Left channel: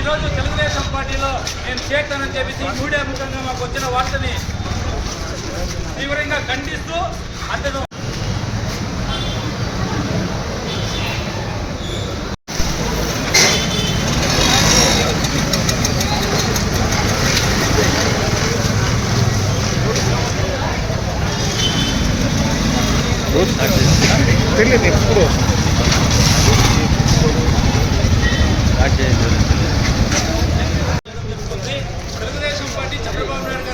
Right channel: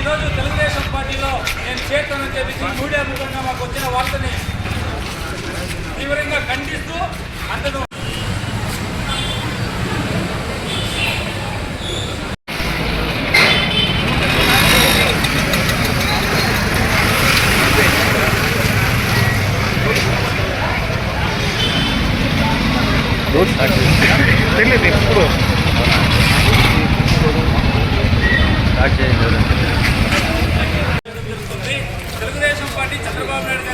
ఈరోజు తెలుగుదేశం పార్టీలో నేను చేస్తానని చెప్పి మీడియా ముఖంగా మాకు వచ్చిన వార్తని తీవ్రంగా ఖండిస్తూ అతను తెలియదు ఎప్పుడు తెలుగుదేశం పార్టీ చంద్రబాబు నాయుడు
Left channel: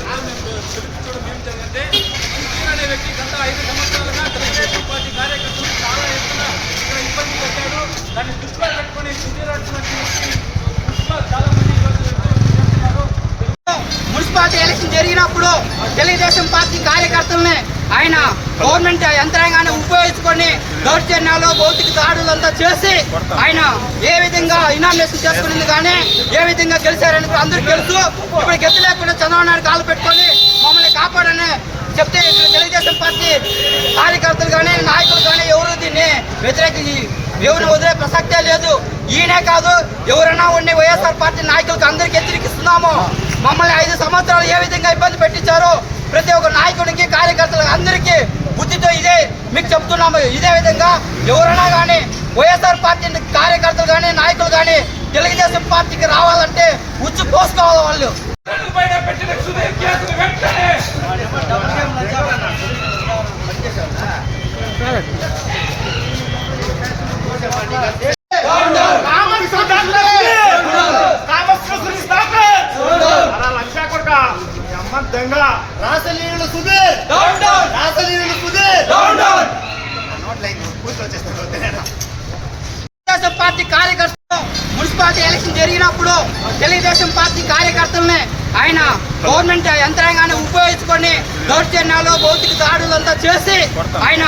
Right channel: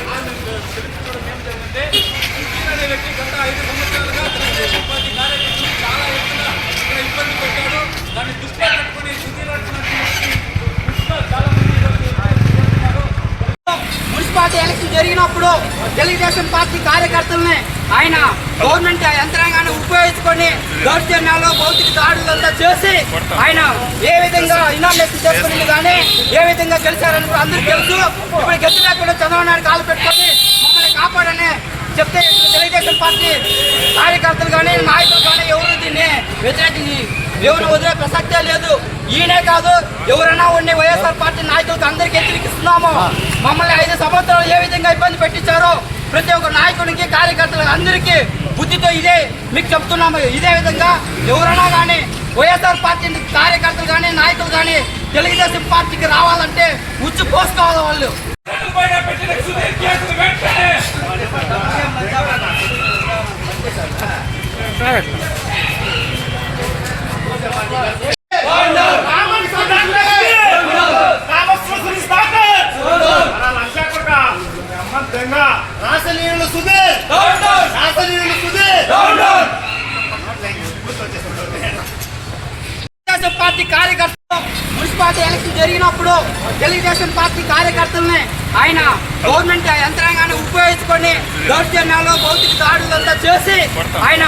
గారి వ్యక్తి గత 5 సంవత్సరాలుగా తెలుగుదేశం పార్టీ కార్యకర్తలు చాలా ఎత్తున ఇక్కడ ఇబ్బంది పెట్టాడు. దాన్ని దృష్టిలో పెట్టుకుని చాలా మంది మున్సిపాలిటీ ఎలక్షన్ జరిగినప్పుడు తెలుగుదేశం పార్టీ కార్యకర్తల్ని ఆయన గవర్నమెంట్ యంత్రాంగాన్ని ఉపయోగించుకొని దౌర్జన్యాలు భౌతిక దాడులంతా చేసి ఆయన ఏ విధంగా ఇనామినేషన్ చేసుకునేది కానీ ఏ విధంగా గెలిచారని అందరికీ తెలుసు. ఇప్పుడు గెలిచి లేకుండా చంద్రబాబు నాయుడు కాలు పెట్టుకొని మమ్మల్ని కాపాడని చెప్తే తెలుగుదేశం పార్టీ కార్యకర్తలు కానీ నాయకులు కానీ ఎవరు దీన్ని వ్యతిరేకించి ఎవరు వదిలే ప్రసక్తే లేదు. ఈయనే కాదు ఎవరైనా ఉండి వైఎస్ఆర్ పార్టీ నాయకులకు అందరికీ హెచ్చరిస్తున్నాము. మమ్మల్ని 5 సంవత్సరాలు ఏ విధంగా ఇబ్బంది పెట్టించారో ప్రతి ఒక్క నాయకుడికి కార్యకర్తలకు అందరికీ బుద్ధితో ఇదే మీకు చెప్తున్నాము. ఇదే విధంగా ఎవరైనా కానీ వైఎస్ఆర్ పార్టీ కార్యకర్తలు కానీ నాయకులు కానీ తెలుగుదేశం పార్టీకి రావాలంటే ఉచ్చు పోసుకోవాలి. వాళ్ళు తెలుగుదేశం పార్టీ కార్యకర్తలు మున్సిపాలిటీ ఎలక్షన్ జరిగినప్పుడు తెలుగుదేశం పార్టీ కార్యకర్తల్ని ఆయన గవర్నమెంట్ యంత్రాంగాన్ని ఉపయోగించుకొని దౌర్జన్యాలు భౌతిక దాడులంతా చేసి ఆయన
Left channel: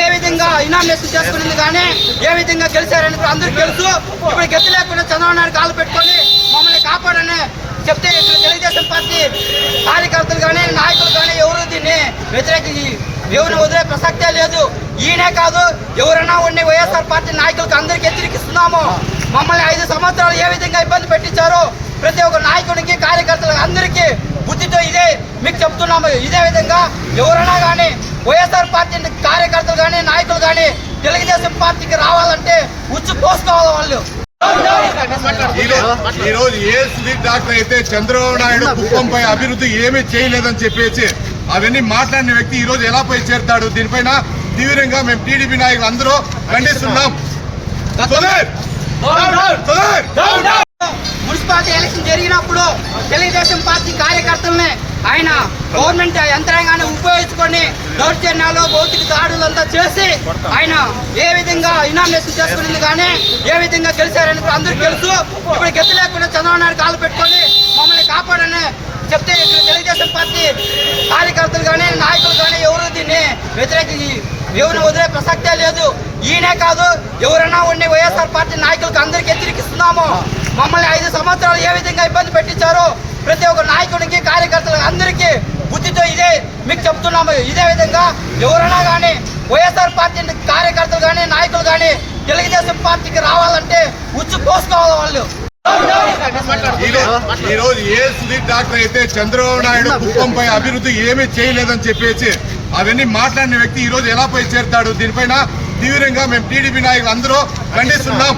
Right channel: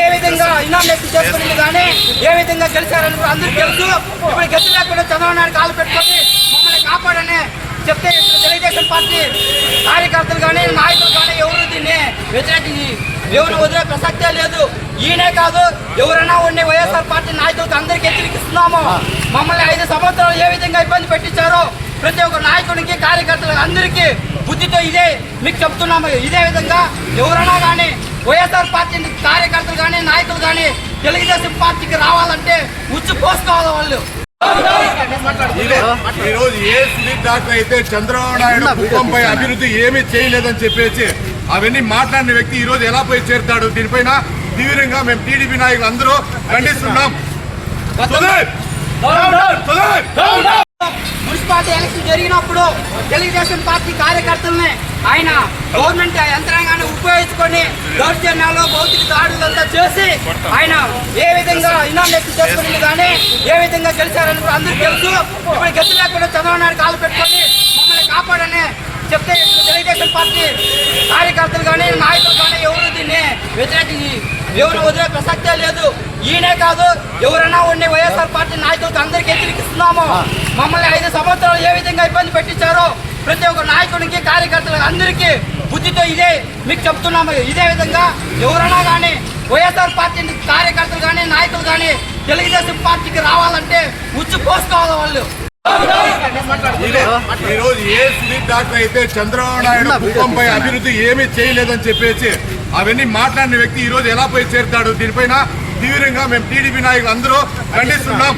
ఏ విధంగా ఇనామినేషన్ చేసుకునేది కానీ ఏ విధంగా గెలిచారని అందరికీ తెలుసు. ఇప్పుడు గెలిచి లేకుండా చంద్రబాబు నాయుడు కాలు పెట్టుకొని మమ్మల్ని కాపాడని చెప్తే తెలుగుదేశం పార్టీ కార్యకర్తలు కానీ నాయకులు కానీ ఎవరు దీన్ని వ్యతిరేకించి ఎవరు వదిలే ప్రసక్తే లేదు. ఈయనే కాదు ఎవరైనా ఉండి వైఎస్ఆర్ పార్టీ నాయకులకు అందరికీ హెచ్చరిస్తున్నాము. మమ్మల్ని 5 సంవత్సరాలు ఏ విధంగా ఇబ్బంది పెట్టించారో ప్రతి ఒక్క నాయకుడికి కార్యకర్తలకు అందరికీ బుద్ధితో ఇదే మీకు చెప్తున్నాము. ఇదే విధంగా ఎవరైనా కానీ వైఎస్ఆర్ పార్టీ కార్యకర్తలు కానీ నాయకులు కానీ తెలుగుదేశం పార్టీకి రావాలంటే ఉచ్చు పోసుకోవాలి. వాళ్ళు ఈ రోజు ఏ సునీల్ డాక్టర్ అయితే చంద్రబాబు నాయుడు కుప్పంపై అభివృద్ధి ఏమీ చేయలేదని చెప్పేసి అవన్నీ మాట్లాడిన వ్యక్తి ఈ రోజు ఎలా పోయి చేరుతాడు? దీనిపైన తీవ్రంగా మేము టీడీపీ నాయకులు అందరూ ఖండిస్తున్నాం. మున్సిపాలిటీ ఎలక్షన్ జరిగినప్పుడు తెలుగుదేశం పార్టీ కార్యకర్తల్ని ఆయన గవర్నమెంట్ యంత్రాంగాన్ని ఉపయోగించుకొని దౌర్జన్యాలు భౌతిక దాడులంతా చేసి ఆయన ఏ విధంగా ఇనామినేషన్ చేసుకునేది కానీ ఏ విధంగా గెలిచారని అందరికీ తెలుసు. ఇప్పుడు గెలిచి లేకుండా చంద్రబాబు నాయుడు కాలు పెట్టుకొని మమ్మల్ని కాపాడని చెప్తే తెలుగుదేశం పార్టీ కార్యకర్తలు కానీ నాయకులు కానీ ఎవరు దీన్ని వ్యతిరేకించి ఎవరు వదిలే ప్రసక్తే లేదు. ఈయనే కాదు ఎవరైనా ఉండి వైఎస్ఆర్ పార్టీ నాయకులకు అందరికీ హెచ్చరిస్తున్నాము. మమ్మల్ని 5 సంవత్సరాలు ఏ విధంగా ఇబ్బంది పెట్టించారో ప్రతి ఒక్క నాయకుడికి కార్యకర్తలకు అందరికీ బుద్ధితో ఇదే మీకు చెప్తున్నాము. ఇదే విధంగా ఎవరైనా కానీ వైఎస్ఆర్ పార్టీ కార్యకర్తలు కానీ నాయకులు కానీ తెలుగుదేశం పార్టీకి రావాలంటే ఉచ్చు పోసుకోవాలి. వాళ్ళు ఈ రోజు ఏ సుదీప్ డాక్టర్ అయితే చంద్రబాబు నాయుడు కుప్పంపై అభివృద్ధి ఏమీ చేయలేదని చెప్పేసి అవన్నీ మాట్లాడిన వ్యక్తి ఈ రోజు ఎలా పోయి చేరుతాడు? దీనిపైన తీవ్రంగా మేము టీడీపీ నాయకులు అందరూ ఖండిస్తున్నాం.